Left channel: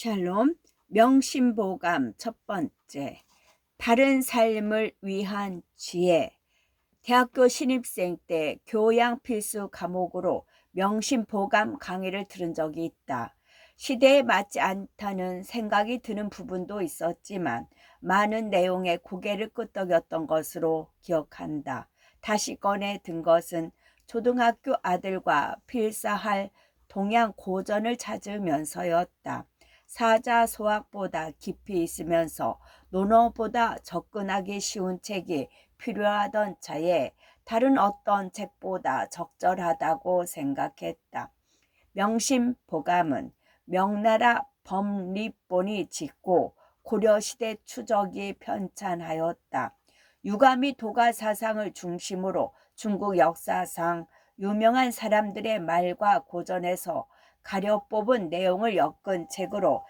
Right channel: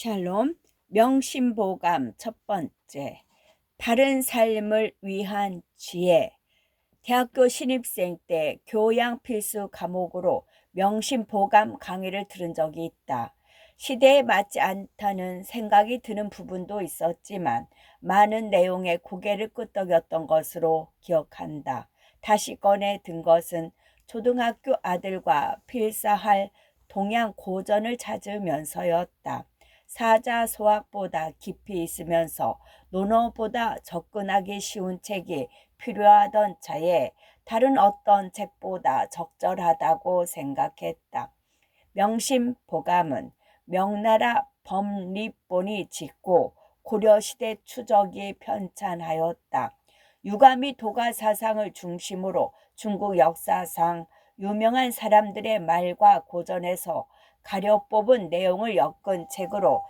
샬롬, 명심보감 첫 번째, 바른 삶을 위한 지혜. 대학교 신입생 때 교양 필수 과목으로 명심보감 강의를 들은 적이 있다. 시대에 맞지 않다는 생각이 드는 부분도 있었지만 많은 내용에 고개를 끄덕였던 것으로 기억한다. 다시 꺼내 든 것은 초등학교 아들과 필사할 동양 고전을 찾으면서였다. 사자소학보다 깊이 있으면서 논어보다 접근하기 쉬운 책이 필요하던 차에 다른 어떤 책보다 적절하다고 생각했다. 명심보감은 명나라 범립본이 짓고 고려시대 추적이 편찬하였다. 유감이 도가 사상을 중심으로 중국 역사상 유명한 사람들의 말과 고전에서 가려 뽑은 내용을 엮은 책으로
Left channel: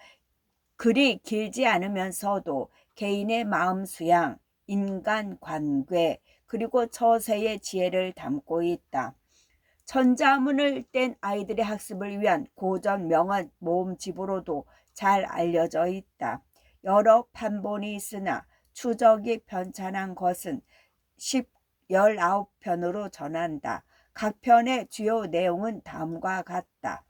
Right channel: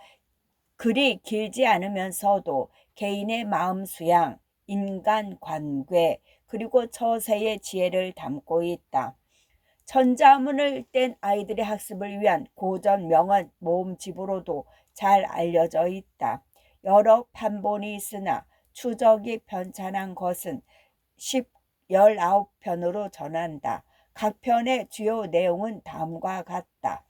글이 길지 않으면서도 개인의 마음 수양, 인간관계, 그리고 처세의 지혜를 담고 있다. 천자문을 뗀 아이들의 학습을 위한 고전 명언 모음집으로도 잘 알려져 있다. 여러 판본이 있으나 추적이 편찬한 것은 19편으로 전한다. 각 편의 주요 내용은 다음과 같다.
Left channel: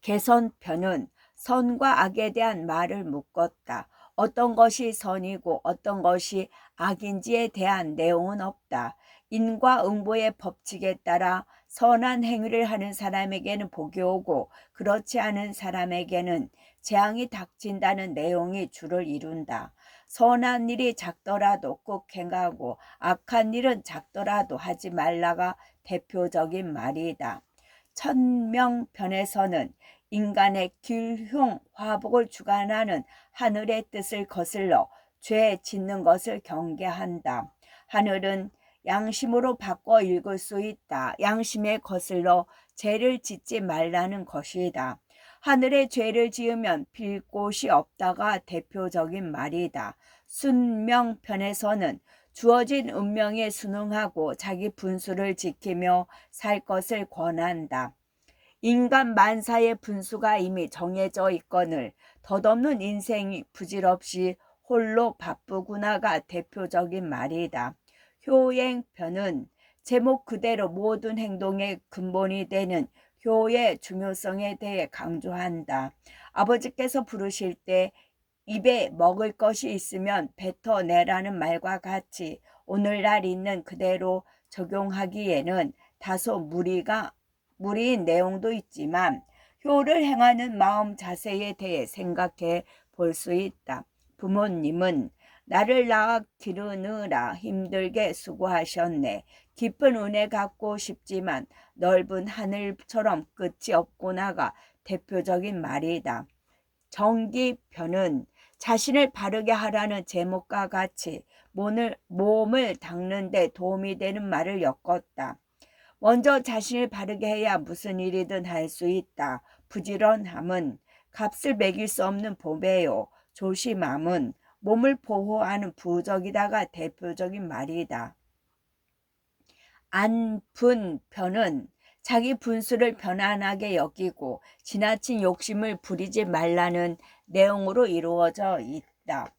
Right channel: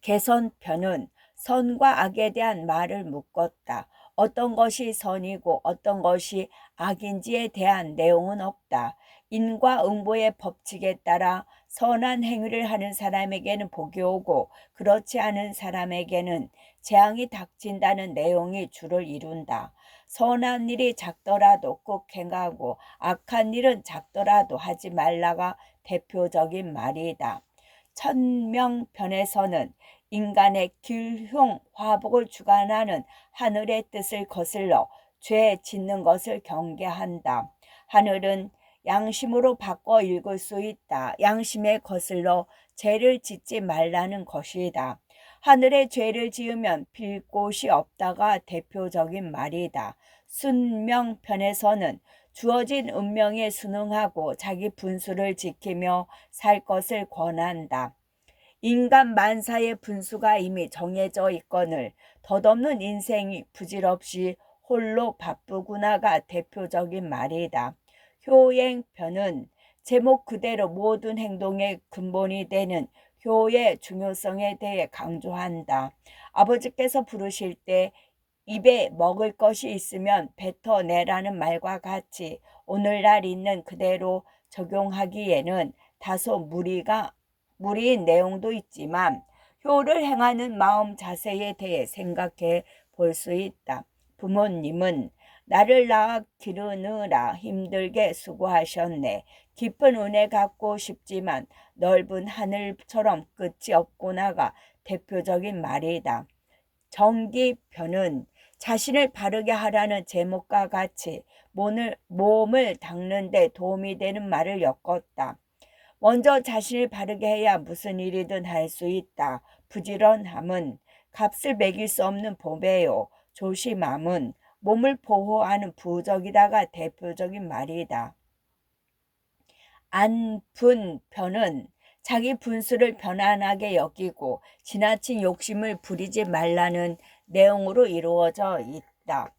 개선편은 선과 악에 대한 말을 묶었다. 어떤 것이 선이고 어떤 것이 악인지에 대한 내용은 없다. 인과응보의 법칙에 따라 선한 행위를 하는 사람에게는 복이 오고 그렇지 않은 사람에게는 재앙이 닥친다는 내용이 주를 이룬다. 선한 일이 작더라도 꼭 행하고 악한 일은 작더라도 하지 말라가 대표적인 말이다. 천명편에서는 인간의 길흉 화복을 주관하는 하늘의 뜻을 거슬러 죄 짓는 것을 경계한다. 하늘은 양심으로 바꿔 읽을 수 있다. 양심에 거슬러 죄를 짓지 말라는 것이다. 하늘에 죄를 지으면 빌 곳이 없다가 대표적인 말이다. 순명편에서는 주어진 운명에 순응하고 자기 분수를 지키며 살 것을 권한다. 인간 만사의 분수가 이미 정해져 있거늘 덧없는 인생이 부질없이 홀로 바쁘구나가 대표적인 말이다. 효행편은 제목 그대로 모든 행동의 근본이 되는 효의 중요성에 대해 강조한다. 아버지께서 부르실 때 입에 먹을 것이 있으면 뱉어내라는 말과 같이 오늘날 있는 그대로 적용하기에는 다소 무리인 내용도 있지만 효를 행하는 마음 자세에 대해 생각해 볼 수 있다. 부모님은 나를 낳아 기르느라 힘들게 수고하셨네. 깊은 은혜 갖고 싶지만 넓은 하늘처럼 끝이 없구나가 대표적인 말이다. 정기편은 자신을 바르게 하라는 제목과 같이 몸을 닦는 데 도움이 되는 말을 엮었다. 먼저 자신을 바르게 해야 무슨 일이든 할 수 있다. 부지런함은 값을 매길 수 없는 보배요. 조심함은 몸을 보호하는 부적이다가 대표적인 말이다. 안분편은 자기 분수를 편안하게 여기고 지나친 욕심을 부리지 말라는 내용으로 이루어져 있다.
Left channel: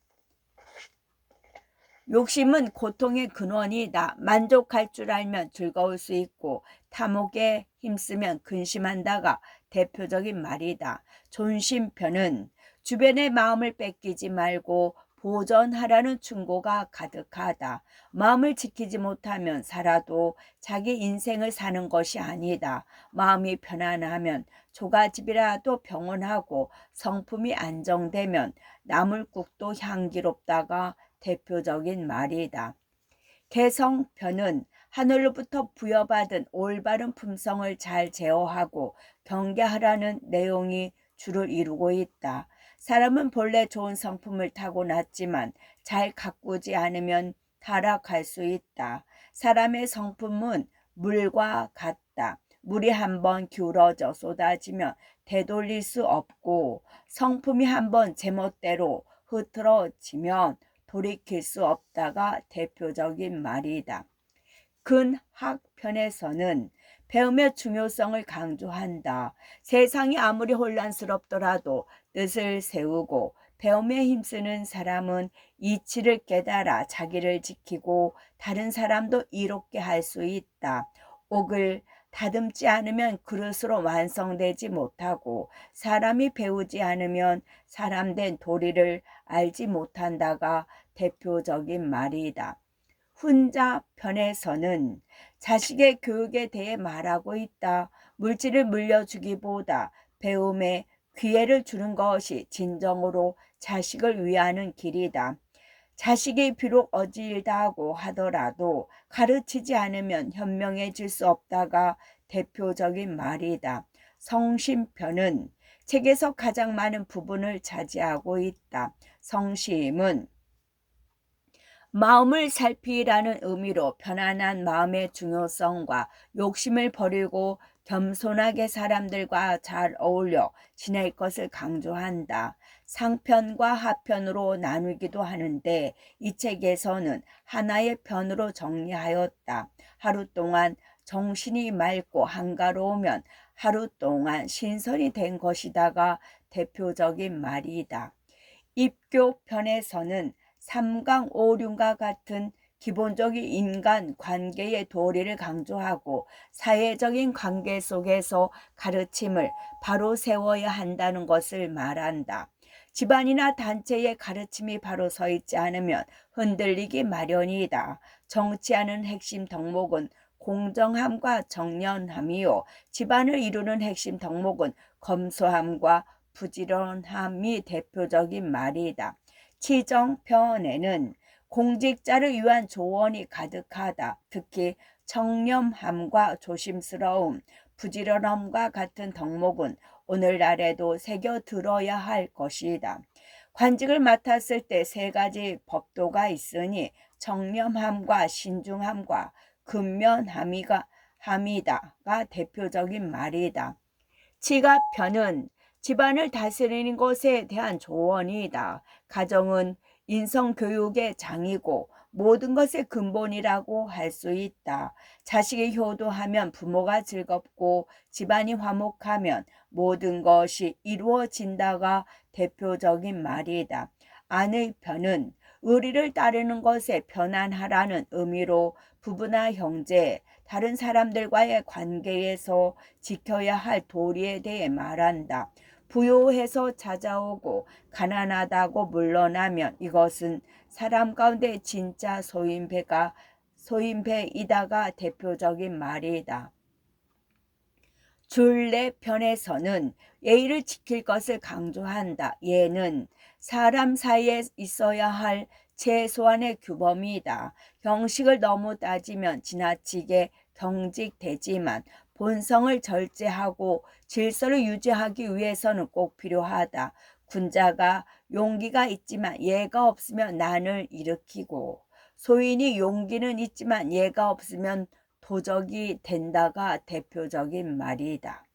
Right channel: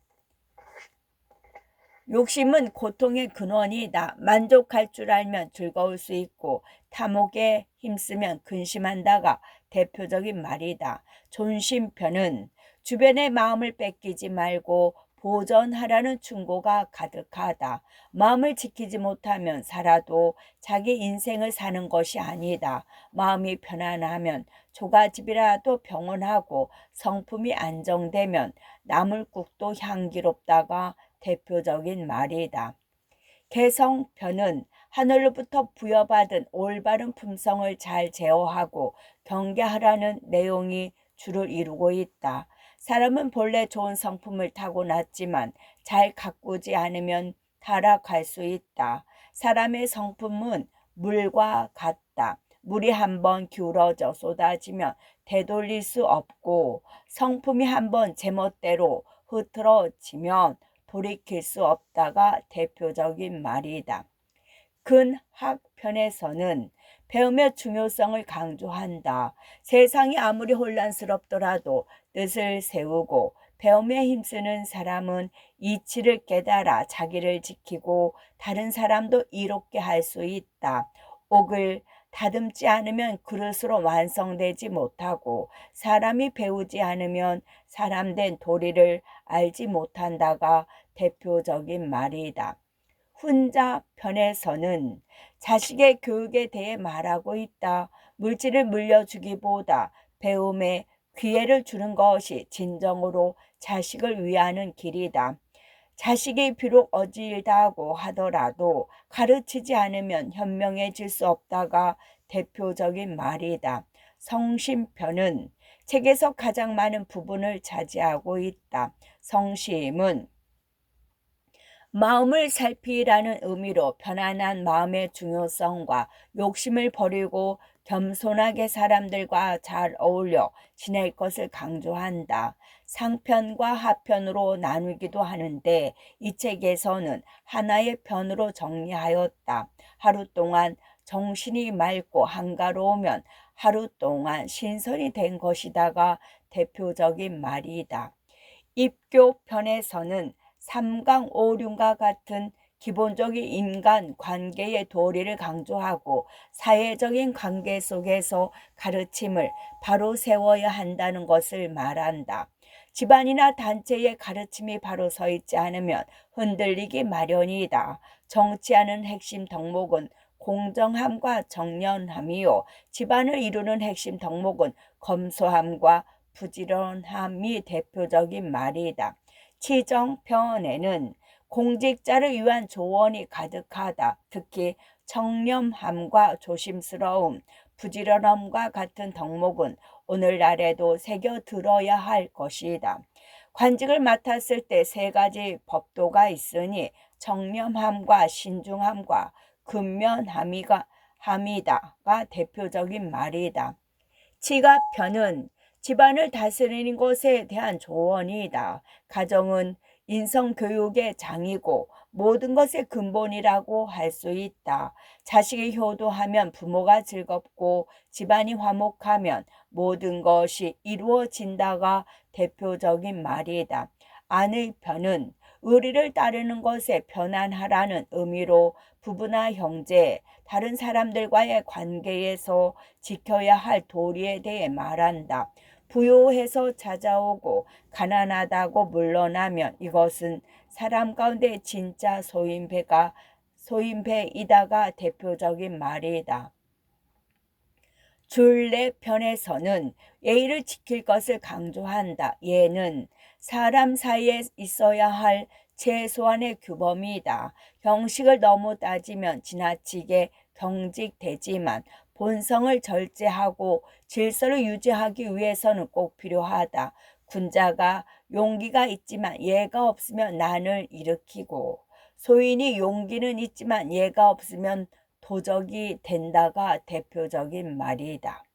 욕심은 고통의 근원이다. 만족할 줄 알면 즐거울 수 있고 탐욕에 힘쓰면 근심한다가 대표적인 말이다. 존심편은 주변의 마음을 뺏기지 말고 보전하라는 충고가 가득하다. 마음을 지키지 못하면 살아도 자기 인생을 사는 것이 아니다. 마음이 편안하면 조가집이라도 병원하고 성품이 안정되면 나물국도 향기롭다가 대표적인 말이다. 개성편은 하늘로부터 부여받은 올바른 품성을 잘 제어하고 경계하라는 내용이 주를 이루고 있다. 사람은 본래 좋은 성품을 타고났지만 잘 가꾸지 않으면 타락할 수 있다. 사람의 성품은 물과 같다. 물이 한번 기울어져 쏟아지면 되돌릴 수 없고 성품이 한번 제멋대로 흐트러지면 돌이킬 수 없다가 대표적인 말이다. 근학편에서는 배움의 중요성을 강조한다. 세상이 아무리 혼란스럽더라도 뜻을 세우고 배움에 힘쓰는 사람은 이치를 깨달아 자기를 지키고 다른 사람도 이롭게 할 수 있다. 옥을 다듬지 않으면 그릇으로 완성되지 못하고 사람이 배우지 않으면 사람된 도리를 알지 못한다가 대표적인 말이다. 훈자 편에서는 자식의 교육에 대해 말하고 있다. 물질을 물려주기보다 배움에 기회를 주는 것이 진정으로 자식을 위하는 길이다. 자식이 비록 어질다고 하더라도 가르치지 않으면 현명해질 수 없다가 대표적인 말이다. 성심편은 책에서 가장 많은 부분을 차지하고 있다. 성심은 마음을 살피라는 의미로 편안한 마음의 중요성과 욕심을 버리고 겸손하게 사람들과 잘 어울려 지낼 것을 강조한다. 상편과 하편으로 나누기도 하는데 이 책에서는 하나의 편으로 정리하였다. 하루 동안 정신이 맑고 한가로우면 하루 동안 신선이 된 것이다가 대표적인 말이다. 입교편에서는 삼강오륜과 같은 기본적인 인간 관계의 도리를 강조하고 사회적인 관계 속에서 가르침을 바로 세워야 한다는 것을 말한다. 집안이나 단체의 가르침이 바로 서 있지 않으면 흔들리기 마련이다. 정치하는 핵심 덕목은 공정함과 정연함이요. 집안을 이루는 핵심 덕목은 검소함과 부지런함이 대표적인 말이다. 치정편에는 공직자를 위한 조언이 가득하다. 특히 청렴함과 조심스러움, 부지런함과 같은 덕목은 오늘날에도 새겨 들어야 할 것이다. 관직을 맡았을 때 세 가지 법도가 있으니 청렴함과 신중함과 근면함이다가 대표적인 말이다. 지가편은 집안을 다스리는 것에 대한 조언이다. 가정은 인성교육의 장이고 모든 것의 근본이라고 할 수 있다. 자식이 효도하면 부모가 즐겁고 집안이 화목하면 모든 것이 이루어진다가 대표적인 말이다. 아내 편은 의리를 따르는 것에 편안하라는 의미로 부부나 형제, 다른 사람들과의 관계에서 지켜야 할 도리에 대해 말한다. 부요해서 찾아오고 가난하다고 물러나면 이것은 사람 가운데 진짜 소인배이다가 대표적인 말이다. 줄내 편에서는 예의를 지킬 것을 강조한다. 예는 사람 사이에 있어야 할 최소한의 규범이다. 형식을 너무 따지면 지나치게 경직되지만 본성을 절제하고 질서를 유지하기 위해서는 꼭 필요하다. 군자가 용기가 있지만 예가 없으면 난을 일으키고 소인이 용기는 있지만 예가 없으면 도적이 된다가 대표적인 말이다.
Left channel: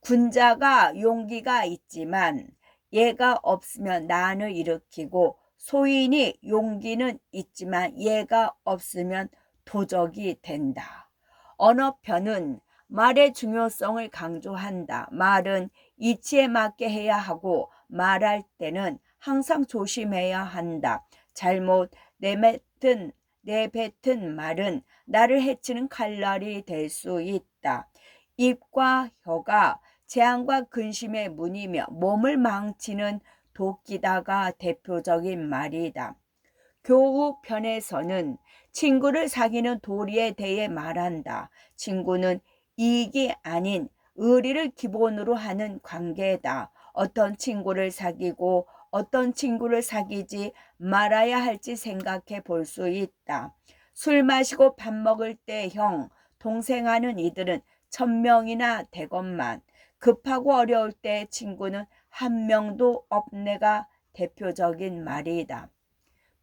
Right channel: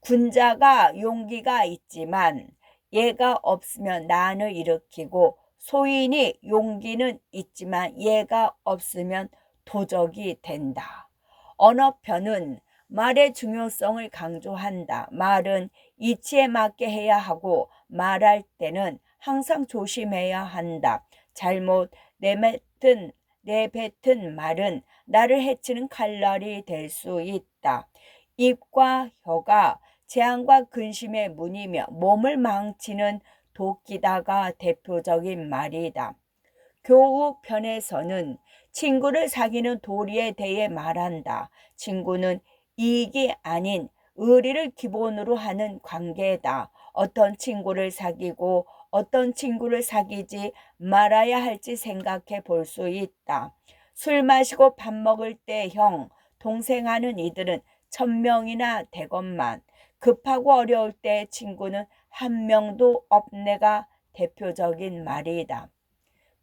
군자가 용기가 있지만 예가 없으면 난을 일으키고 소인이 용기는 있지만 예가 없으면 도적이 된다. 언어편은 말의 중요성을 강조한다. 말은 이치에 맞게 해야 하고 말할 때는 항상 조심해야 한다. 잘못 내뱉은 말은 나를 해치는 칼날이 될 수 있다. 입과 혀가 재앙과 근심의 문이며 몸을 망치는 도끼다가 대표적인 말이다. 교우편에서는 친구를 사귀는 도리에 대해 말한다. 친구는 이익이 아닌 의리를 기본으로 하는 관계다. 어떤 친구를 사귀고 어떤 친구를 사귀지 말아야 할지 생각해 볼 수 있다. 술 마시고 밥 먹을 때 형, 동생 하는 이들은 1000명이나 되건만 급하고 어려울 때 친구는 한 명도 없네가 대표적인 말이다.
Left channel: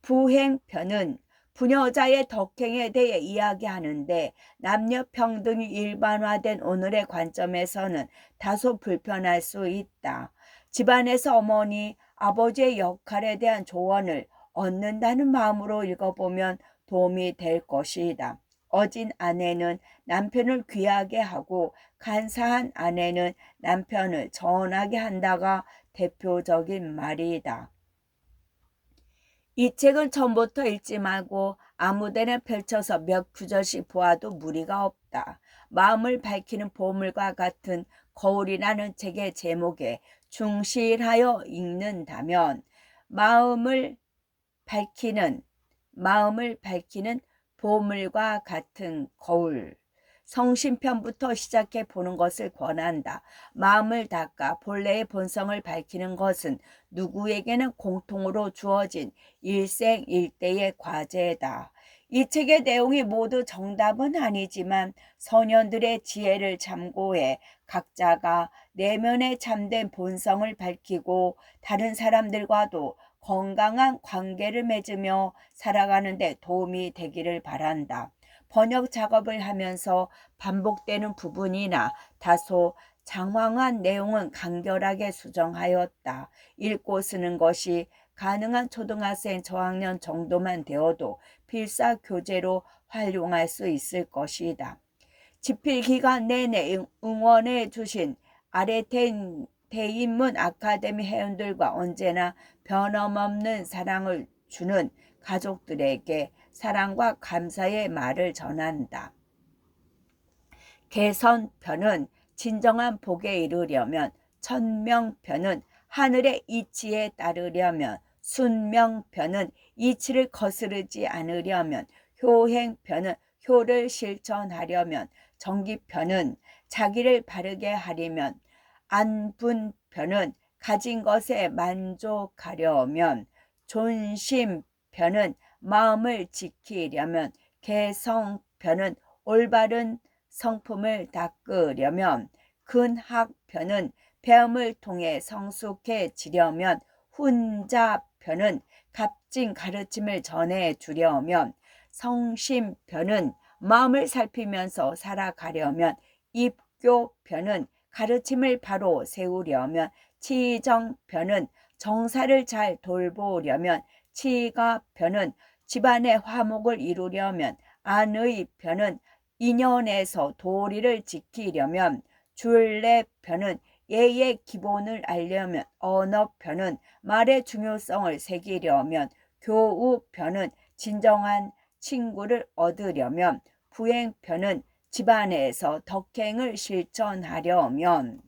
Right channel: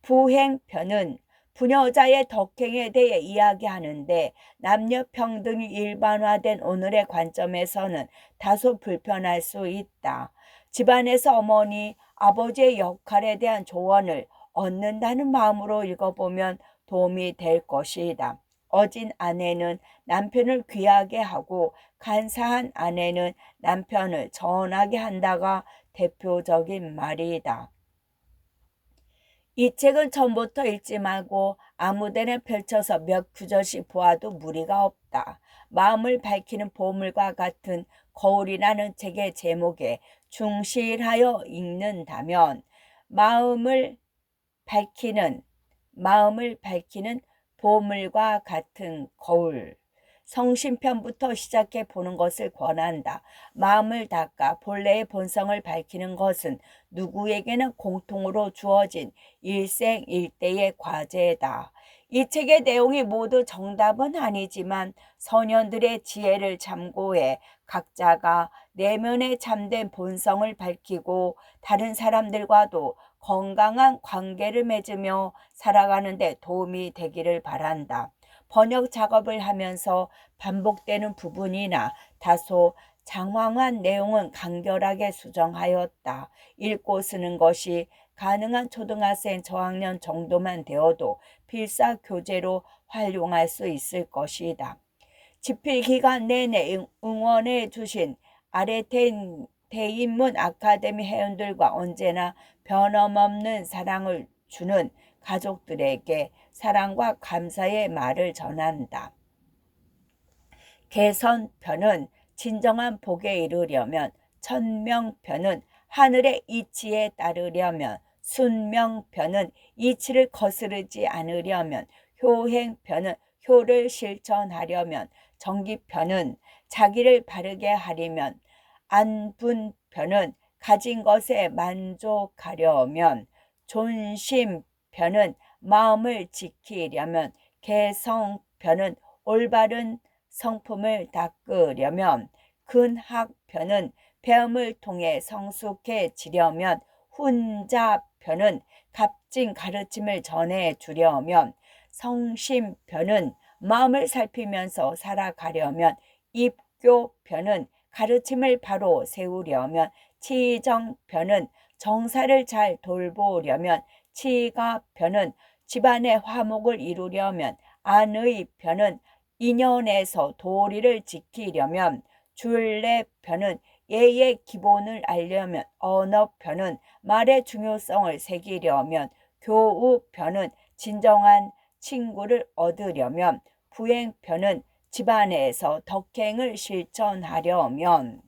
부행편은 부녀자의 덕행에 대해 이야기하는데 남녀 평등이 일반화된 오늘의 관점에서는 다소 불편할 수 있다. 집안에서 어머니, 아버지의 역할에 대한 조언을 얻는다는 마음으로 읽어보면 도움이 될 것이다. 어진 아내는 남편을 귀하게 하고 간사한 아내는 남편을 전하게 한다가 대표적인 말이다. 이 책은 처음부터 읽지 말고 아무데나 펼쳐서 몇 구절씩 보아도 무리가 없다. 마음을 밝히는 보물과 같은 거울이라는 책의 제목에 충실하여 읽는다면 마음을 밝히는 보물과 같은 거울. 성심편부터 시작해 보는 것을 권한다. 마음을 닦아 본래의 본성을 밝히는 것은 누구에게나 공통으로 주어진 일생일대의 과제다. 이 책의 내용이 모두 정답은 아니지만 선현들의 지혜를 참고해 각자가 내면에 잠든 본성을 밝히고 다른 사람들과도 건강한 관계를 맺으며 살아가는 데 도움이 되기를 바란다. 번역 작업을 하면서 반복되는 부분이나 다소 장황한 내용은 간결하게 수정하였다. 읽고 쓰는 것이 가능한 초등학생 저학년 정도만 되어도 필사 교재로 활용할 수 있을 것이다. 집필 기간 내내 응원해 주신 대인문 아카데미 회원들과 언제나 변함없는 사랑을 주는 가족들에게 사랑과 감사의 말을 전한다. 개선편은 진정한 복에 이르려면, 천명편은 하늘의 이치에 따르려면, 순명편은 이치를 거스르지 않으려면, 효행편은 효를 실천하려면, 정기편은 자기를 바르게 하려면, 안분편은 가진 것에 만족하려면, 존심편은 마음을 지키려면, 개성편은 올바른 성품을 닦으려면, 근학편은 배움을 통해 성숙해지려면, 훈자편은 값진 가르침을 전해주려면, 성심편은 마음을 살피면서 살아가려면, 입교편은 가르침을 바로 세우려면, 치정편은 정사를 잘 돌보려면, 치가편은 집안의 화목을 이루려면, 안의편은 인연에서 도리를 지키려면, 줄례편은 예의 기본을 알려면, 언어편은 말의 중요성을 새기려면, 교우편은 진정한 친구를 얻으려면, 부행편은 집안에서 덕행을 실천하려면,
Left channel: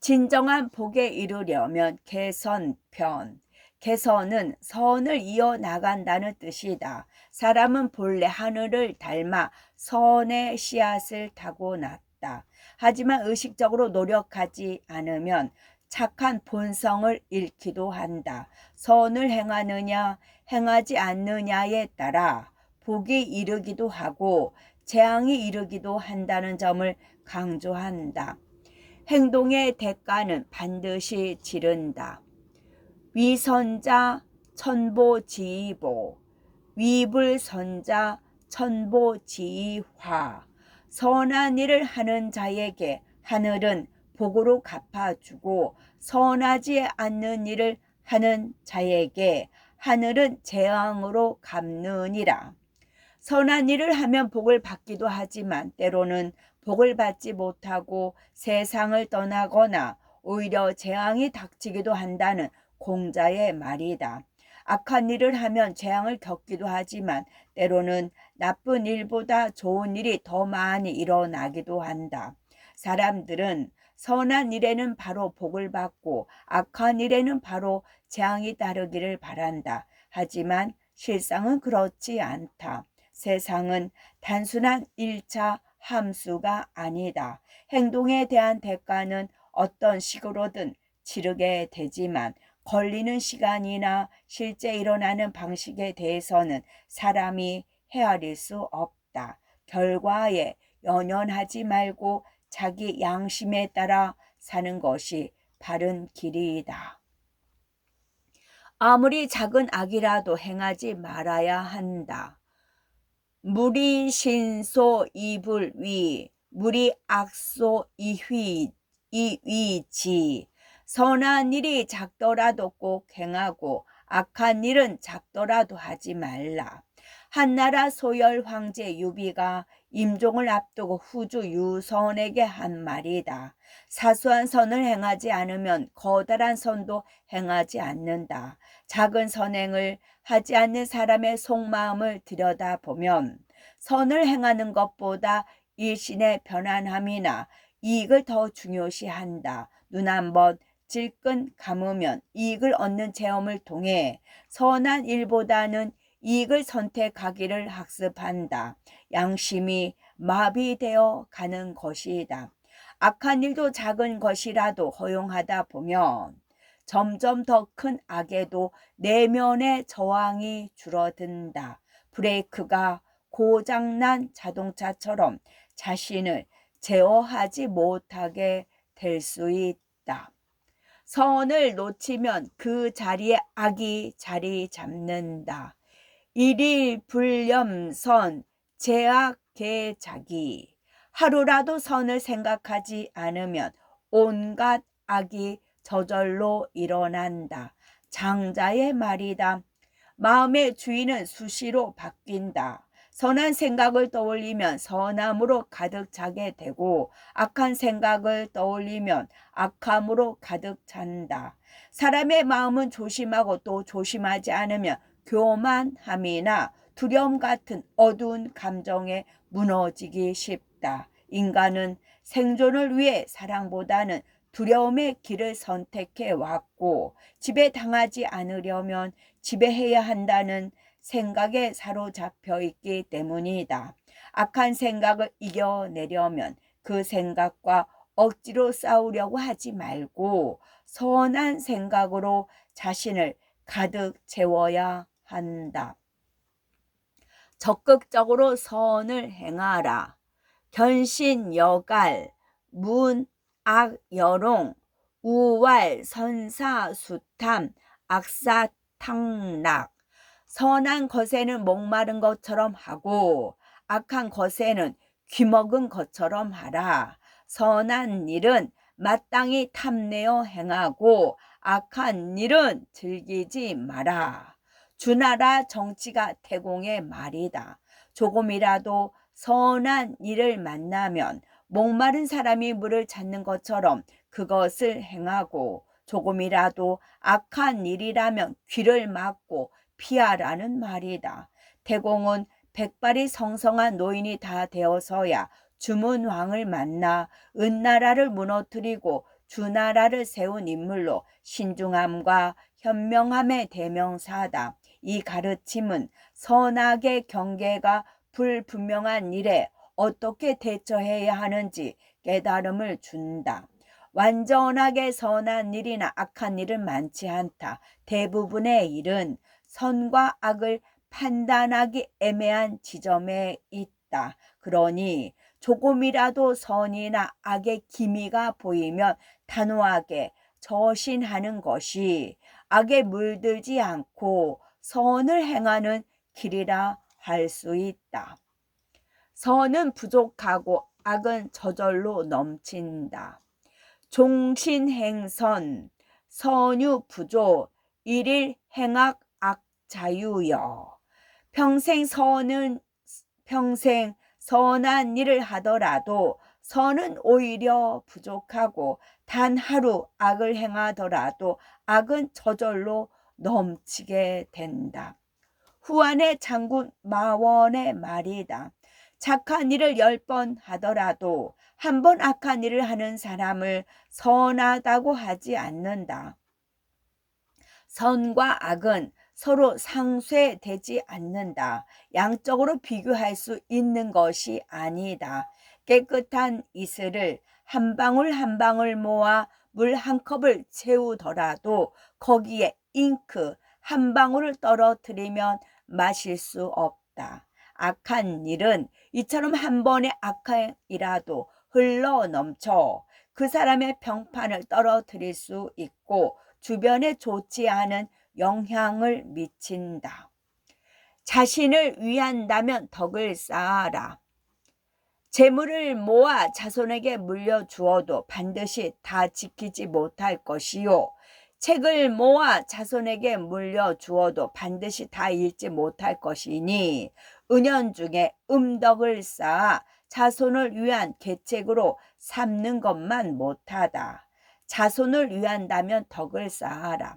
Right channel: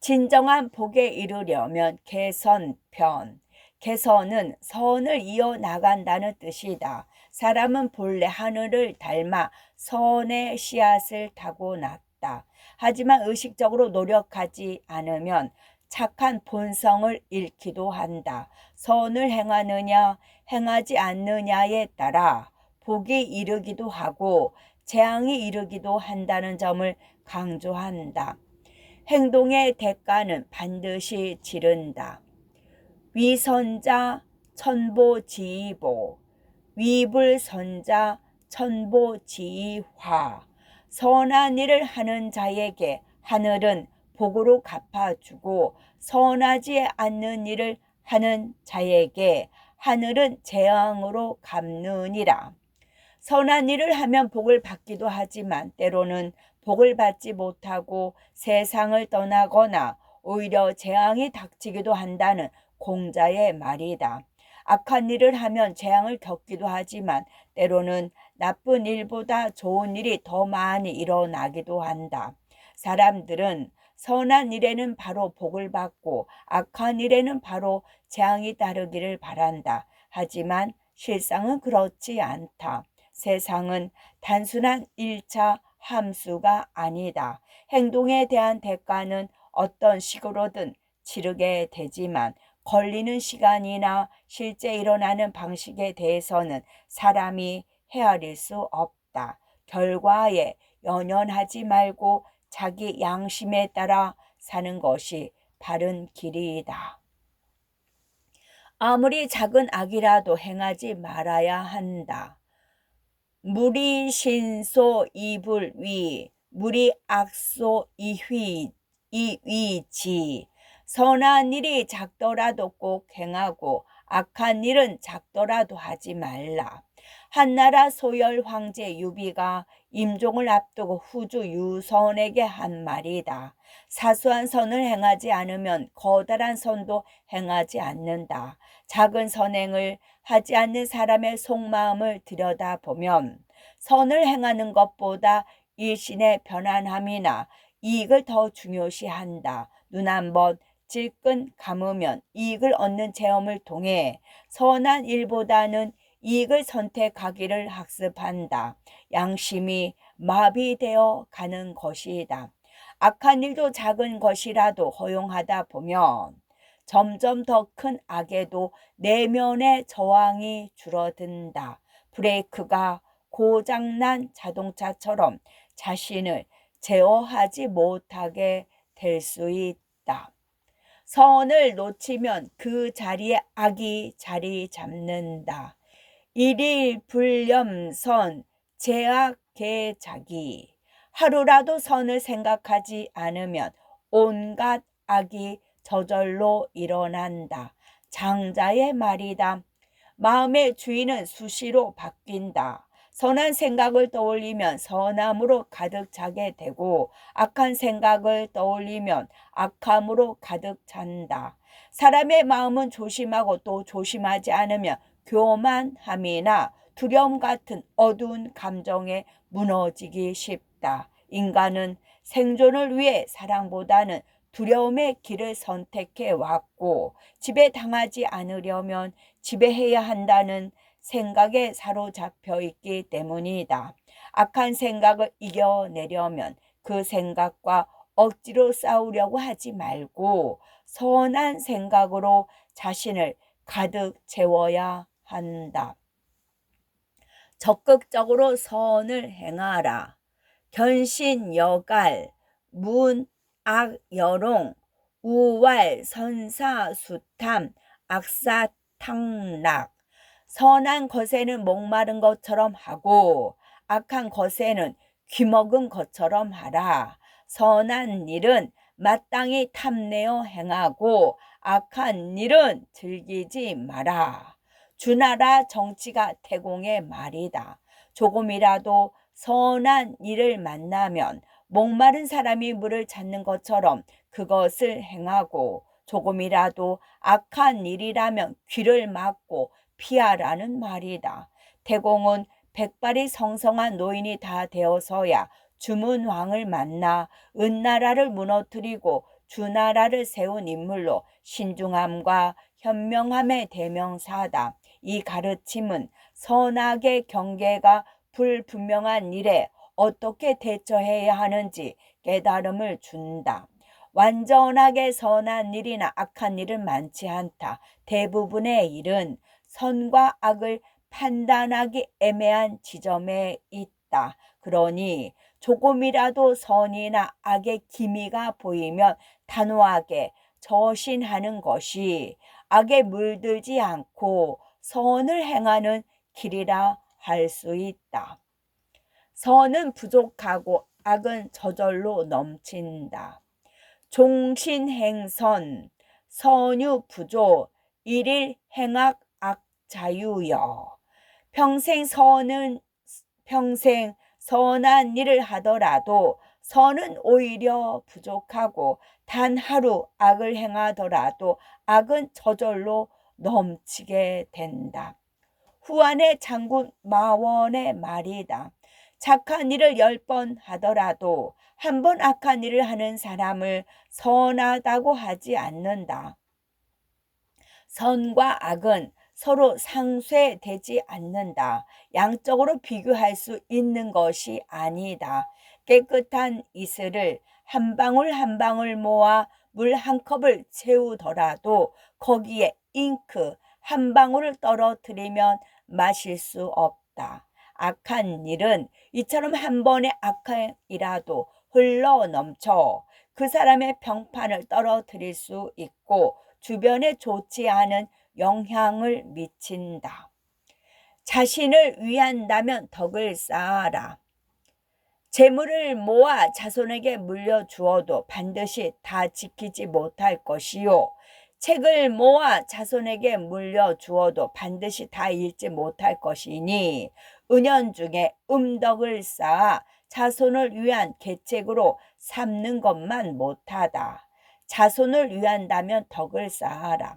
진정한 복에 이르려면 개선편. 개선은 선을 이어나간다는 뜻이다. 사람은 본래 하늘을 닮아 선의 씨앗을 타고났다. 하지만 의식적으로 노력하지 않으면 착한 본성을 잃기도 한다. 선을 행하느냐 행하지 않느냐에 따라 복이 이르기도 하고 재앙이 이르기도 한다는 점을 강조한다. 행동의 대가는 반드시 치른다. 위선자 천보지의보, 위불선자 천보지의화. 선한 일을 하는 자에게 하늘은 복으로 갚아주고 선하지 않는 일을 하는 자에게 하늘은 재앙으로 갚느니라. 선한 일을 하면 복을 받기도 하지만 때로는 복을 받지 못하고 세상을 떠나거나 오히려 재앙이 닥치기도 한다는 공자의 말이다. 악한 일을 하면 재앙을 겪기도 하지만 때로는 나쁜 일보다 좋은 일이 더 많이 일어나기도 한다. 사람들은 선한 일에는 바로 복을 받고 악한 일에는 바로 재앙이 따르기를 바란다. 하지만 실상은 그렇지 않다. 세상은 단순한 1차 함수가 아니다. 행동에 대한 대가는 어떤 식으로든 치르게 되지만 걸리는 시간이나 실제 일어나는 방식에 대해서는 사람이 헤아릴 수 없다. 결과에 연연하지 말고 자기 양심에 따라 사는 것이 바른 길이다. 아무리 작은 악이라도 행하지 말아야 한다. 무리 신소 이불위, 무리 악소 이위지. 선한 일이 작더라도 꼭 행하고 악한 일은 작더라도 하지 말라. 한나라 소열 황제 유비가 임종을 앞두고 후주 유선에게 한 말이다. 사소한 선을 행하지 않으면 커다란 선도 행하지 않는다. 작은 선행을 하지 않는 사람의 속마음을 들여다보면 선을 행하는 것보다 일신의 편안함이나 이익을 더 중요시한다. 눈 한번 질끈 감으면 이익을 얻는 체험을 통해 선한 일보다는 이익을 선택하기를 학습한다. 양심이 마비되어 가는 것이다. 악한 일도 작은 것이라도 허용하다 보면 점점 더 큰 악에도 내면의 저항이 줄어든다. 브레이크가 고장난 자동차처럼 자신을 제어하지 못하게 될 수 있다. 선을 놓치면 그 자리에 악이 자리 잡는다. 일일불념선 제약계자기. 하루라도 선을 생각하지 않으면 온갖 악이 저절로 일어난다. 장자의 말이다. 마음의 주인은 수시로 바뀐다. 선한 생각을 떠올리면 선함으로 가득 차게 되고 악한 생각을 떠올리면 악함으로 가득 찬다. 사람의 마음은 조심하고 또 조심하지 않으면 교만함이나 두려움 같은 어두운 감정에 무너지기 쉽다. 인간은 생존을 위해 사랑보다는 두려움의 길을 선택해 왔고 지배당하지 않으려면 지배해야 한다는 생각에 사로잡혀 있기 때문이다. 악한 생각을 이겨내려면 그 생각과 억지로 싸우려고 하지 말고 선한 생각으로 자신을 가득 채워야 한다. 적극적으로 선을 행하라. 견신여갈, 문악여롱, 우왈선사수탐, 악사탕락. 선한 것에는 목마른 것처럼 하고 악한 것에는 귀먹은 것처럼 하라. 선한 일은 마땅히 탐내어 행하고 악한 일은 즐기지 마라. 주나라 정치가 태공의 말이다. 조금이라도 선한 일을 만나면 목마른 사람이 물을 찾는 것처럼 그것을 행하고 조금이라도 악한 일이라면 귀를 막고 피하라는 말이다. 태공은 백발이 성성한 노인이 다 되어서야 주문왕을 만나 은나라를 무너뜨리고 주나라를 세운 인물로 신중함과 현명함의 대명사다. 이 가르침은 선악의 경계가 불분명한 일에 어떻게 대처해야 하는지 깨달음을 준다. 완전하게 선한 일이나 악한 일은 많지 않다. 대부분의 일은 선과 악을 판단하기 애매한 지점에 있다. 그러니 조금이라도 선이나 악의 기미가 보이면 단호하게 저신하는 것이 악에 물들지 않고 선을 행하는 길이라 할 수 있다. 선은 부족하고 악은 저절로 넘친다. 종신행선, 선유부조, 일일행악 악자유여. 평생 선한 일을 하더라도 선은 오히려 부족하고 단 하루 악을 행하더라도 악은 저절로 넘치게 된다. 후한의 장군 마원의 말이다. 착한 일을 10번 하더라도 한 번 악한 일을 하는 사람을 선하다고 하지 않는다. 선과 악은 서로 상쇄되지 않는다. 양적으로 비교할 수 있는 것이 아니다. 깨끗한 이슬을 한 방울 한 방울 모아 물 한 컵을 채우더라도 거기에 잉크 한 방울을 떨어뜨리면 마실 수 없다. 악한 일은 이처럼 한 번의 악한 일이라도 흘러 넘쳐 그 사람의 평판을 떨어뜨릴 수 있고 주변에 좋지 않은 영향을 미친다. 자신을 위한다면 덕을 쌓아라. 재물을 모아 자손에게 물려주어도 반드시 다 지키지 못할 것이요. 책을 모아 자손에게 물려주어도 반드시 다 읽지 못할 것이니 은연중에 음덕을 쌓아 자손을 위한 계책으로 삼는 것만 못하다. 자손을 위한다면 덕을 쌓아라.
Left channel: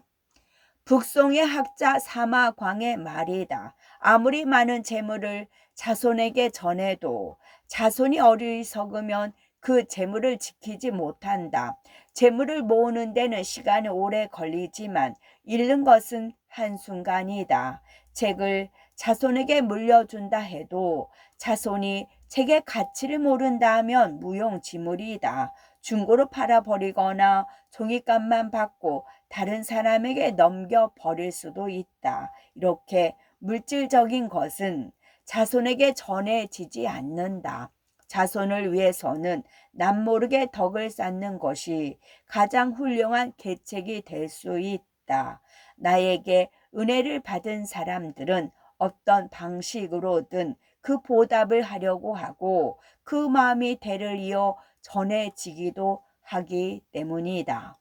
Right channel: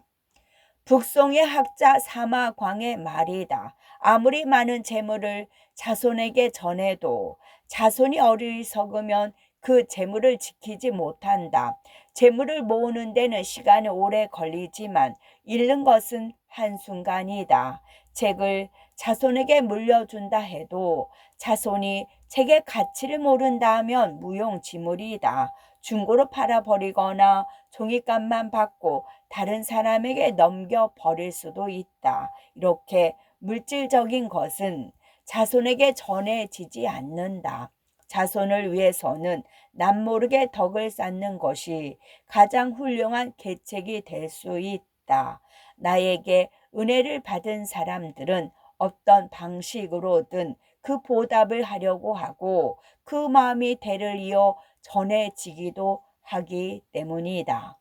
북송의 학자 사마광의 말이다. 아무리 많은 재물을 자손에게 전해도 자손이 어리석으면 그 재물을 지키지 못한다. 재물을 모으는 데는 시간이 오래 걸리지만 잃는 것은 한순간이다. 책을 자손에게 물려준다 해도 자손이 책의 가치를 모른다 하면 무용지물이다. 중고로 팔아버리거나 종이값만 받고 다른 사람에게 넘겨버릴 수도 있다. 이렇게 물질적인 것은 자손에게 전해지지 않는다. 자손을 위해서는 남모르게 덕을 쌓는 것이 가장 훌륭한 계책이 될 수 있다. 나에게 은혜를 받은 사람들은 어떤 방식으로든 그 보답을 하려고 하고 그 마음이 대를 이어 전해지기도 하기 때문이다.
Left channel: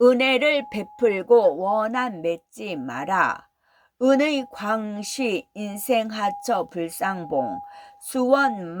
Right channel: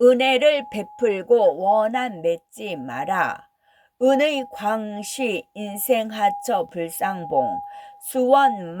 은혜를 베풀고 원한 맺지 마라. 은의 광시 인생하처 불상봉 수원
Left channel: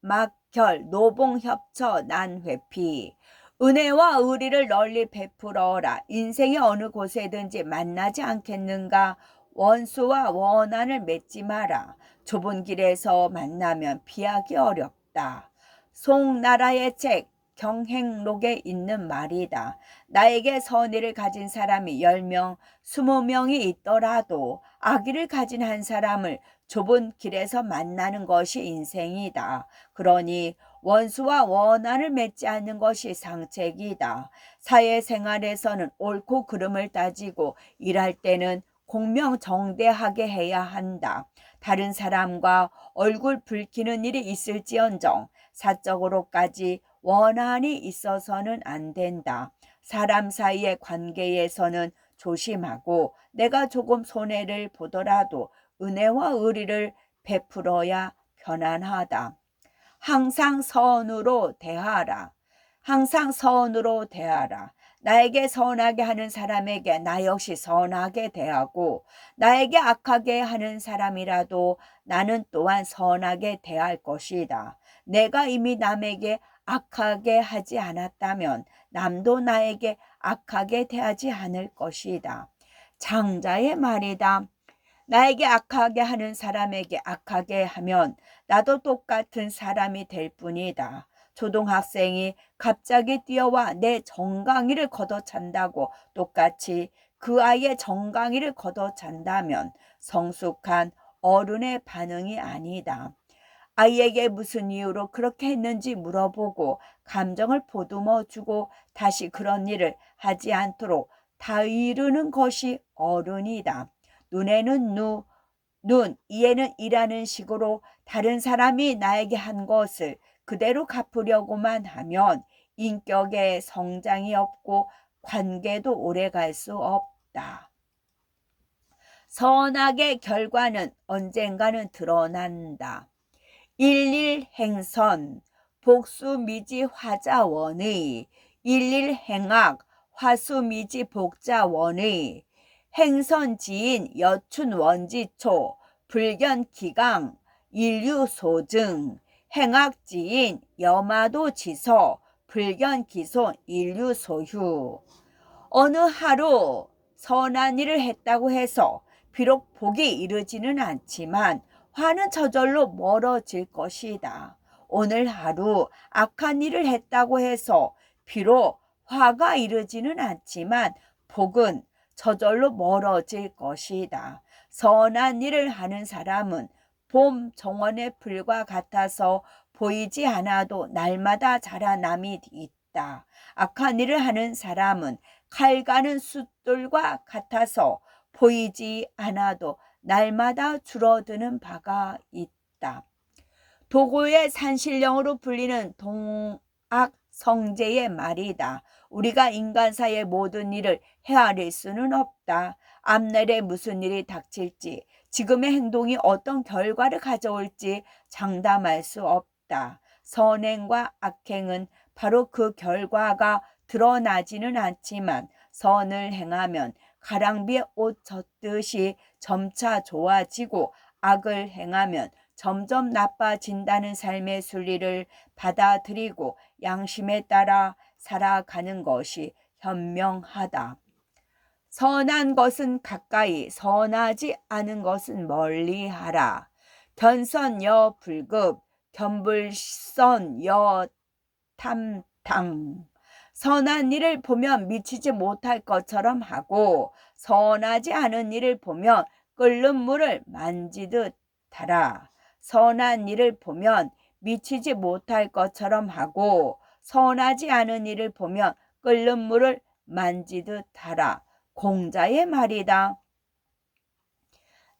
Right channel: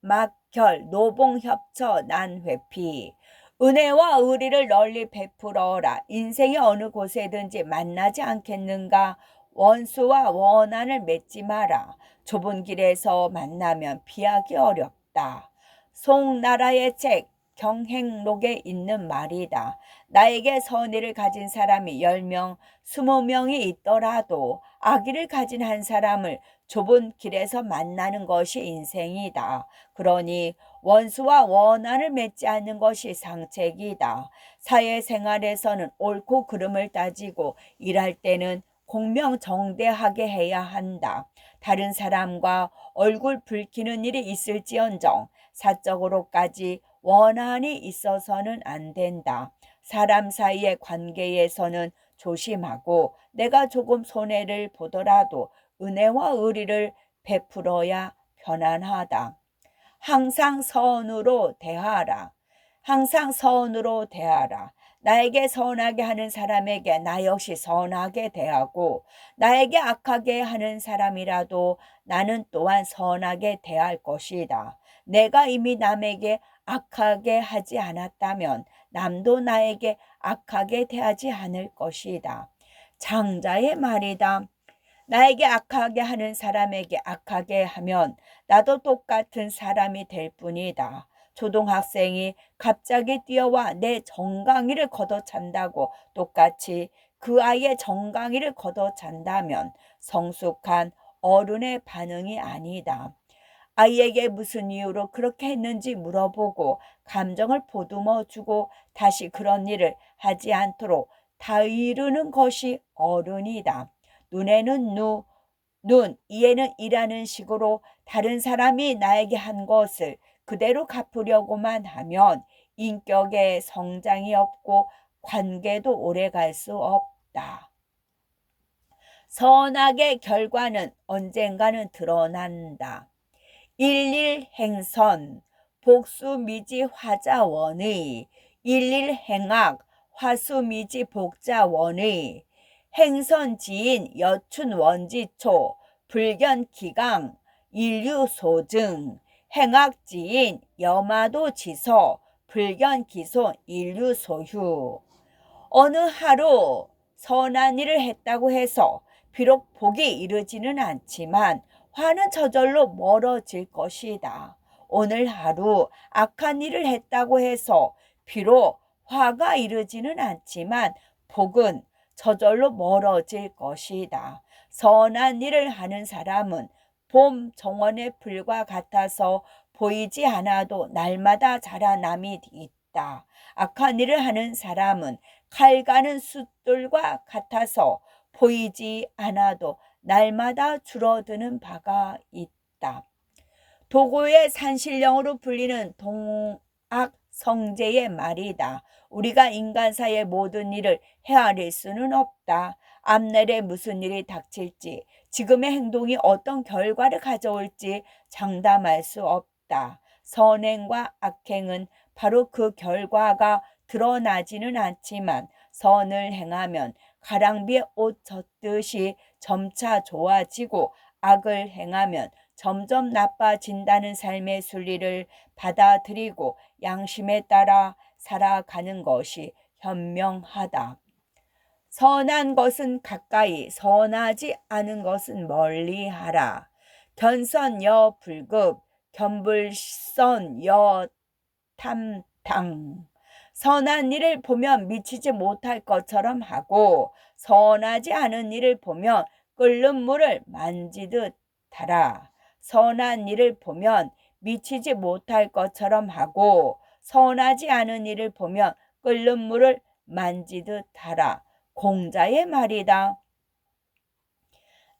막결 노봉협처 난회피. 은혜와 의리를 널리 베풀어라. 인생의 어느 곳에든지 만나지 않겠는가. 원수와 원한을 맺지 마라. 좁은 길에서 만나면 피하기 어렵다. 송나라의 책 경행록에 있는 말이다. 나에게 선의를 가진 사람이 10명, 20명이 있더라도 악의를 가진 한 사람을 좁은 길에서 만나는 것이 인생이다. 그러니 원수와 원한을 맺지 않는 것이 상책이다. 사회생활에서는 옳고 그름을 따지고 일할 때는 공명정대하게 해야 한다. 다른 사람과 얼굴 붉히는 일이 있을지언정 사적으로까지 원한이 있어서는 안 된다. 사람 사이의 관계에서는 조심하고 내가 조금 손해를 보더라도 은혜와 의리를 베풀어야 편안하다. 항상 선으로 대하라. 항상 선으로 대하라. 나에게 선하게 하는 사람에게 나 역시 선하게 대하고 나에게 악하게 하는 사람이라도 나는 또한 선하게 대할 것이다. 내가 이미 남에게 악하게 하지 않았다면 남도 나에게 악하게 대하지 않을 것이다. 장자의 말이다. 나에게 악하게 하는 사람에게 악하게 하면 나도 똑같은 사람이 될 뿐이다. 초등학생이 갑자기 뛰어와 내 정강이를 걷어찬다고 똑같이 그 아이의 정강이를 걷어찬다면 성숙한 어른의 반응이 아니다. 아이에게 무슨 이유로 그렇게 했는지 물어보고 감정을 보듬어주고 다시 그런 일을 하지 않도록 다이르는 것이 어른이다. 눈에는 눈, 이에는 이라는 식으로 다른 사람이 나에게 한 것을 그대로 갚으려고만 하면 인격의 성장이 없고 관계도 오래 갈 수 없다. 선악의 결과는 언젠가는 드러난다. 일일행선 복수미지 화자원의 일일행악 화수미지 복자원의 행선지인 여춘원지초 불견기강 인류소증 행악지인 여마도지서 불견기손 인류소휴. 어느 하루 선한 일을 했다고 해서 비록 복이 이르지는 않지만 화는 저절로 멀어질 것이다. 오늘 하루 악한 일을 했다고 해서 비록 화가 이르지는 않지만 복은 저절로 멀어질 것이다. 선한 일을 하는 사람은 봄 정원의 풀과 같아서 보이지 않아도 날마다 자라남이 있다. 악한 일을 하는 사람은 칼 가는 숫돌과 같아서 보이지 않아도 날마다 줄어드는 바가 있다. 도고의 산신령으로 불리는 동학성제의 말이다. 우리가 인간사의 모든 일을 헤아릴 수는 없다. 앞날에 무슨 일이 닥칠지, 지금의 행동이 어떤 결과를 가져올지 장담할 수 없다. 선행과 악행은 바로 그 결과가 드러나지는 않지만 선을 행하면 가랑비에 옷 젖듯이 점차 좋아지고 악을 행하면 점점 나빠진다는 삶의 순리를 받아들이고 양심에 따라 살아가는 것이 현명하다. 선한 것은 가까이, 선하지 않은 것은 멀리 하라. 견선여 불급, 견불선여 탐탕. 선한 일을 보면 미치지 못할 것처럼 하고 선하지 않은 일을 보면 끓는 물을 만지듯 하라. 선한 일을 보면 미치지 못할 것처럼 하고 선하지 않은 일을 보면 끓는 물을 만지듯 하라. 공자의 말이다.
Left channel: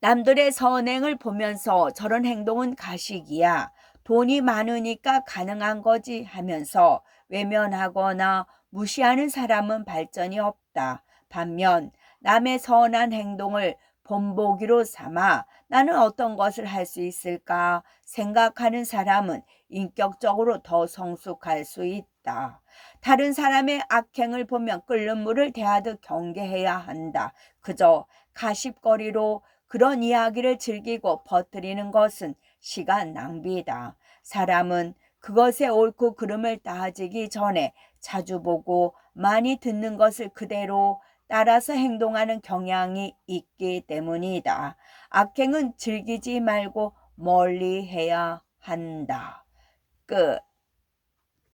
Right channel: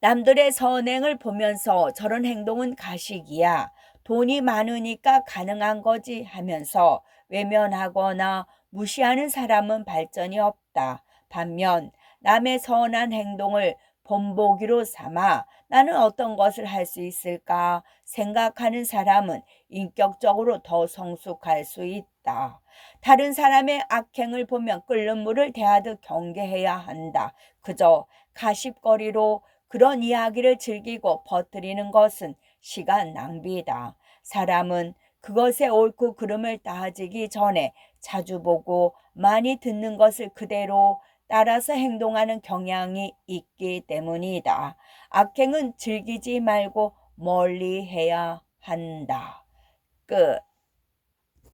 남들의 선행을 보면서 저런 행동은 가식이야. 돈이 많으니까 가능한 거지 하면서 외면하거나 무시하는 사람은 발전이 없다. 반면 남의 선한 행동을 본보기로 삼아 나는 어떤 것을 할 수 있을까 생각하는 사람은 인격적으로 더 성숙할 수 있다. 다른 사람의 악행을 보면 끓는 물을 대하듯 경계해야 한다. 그저 가십거리로 그런 이야기를 즐기고 퍼뜨리는 것은 시간 낭비다. 사람은 그것의 옳고 그름을 따지기 전에 자주 보고 많이 듣는 것을 그대로 따라서 행동하는 경향이 있기 때문이다. 악행은 즐기지 말고 멀리 해야 한다. 끝.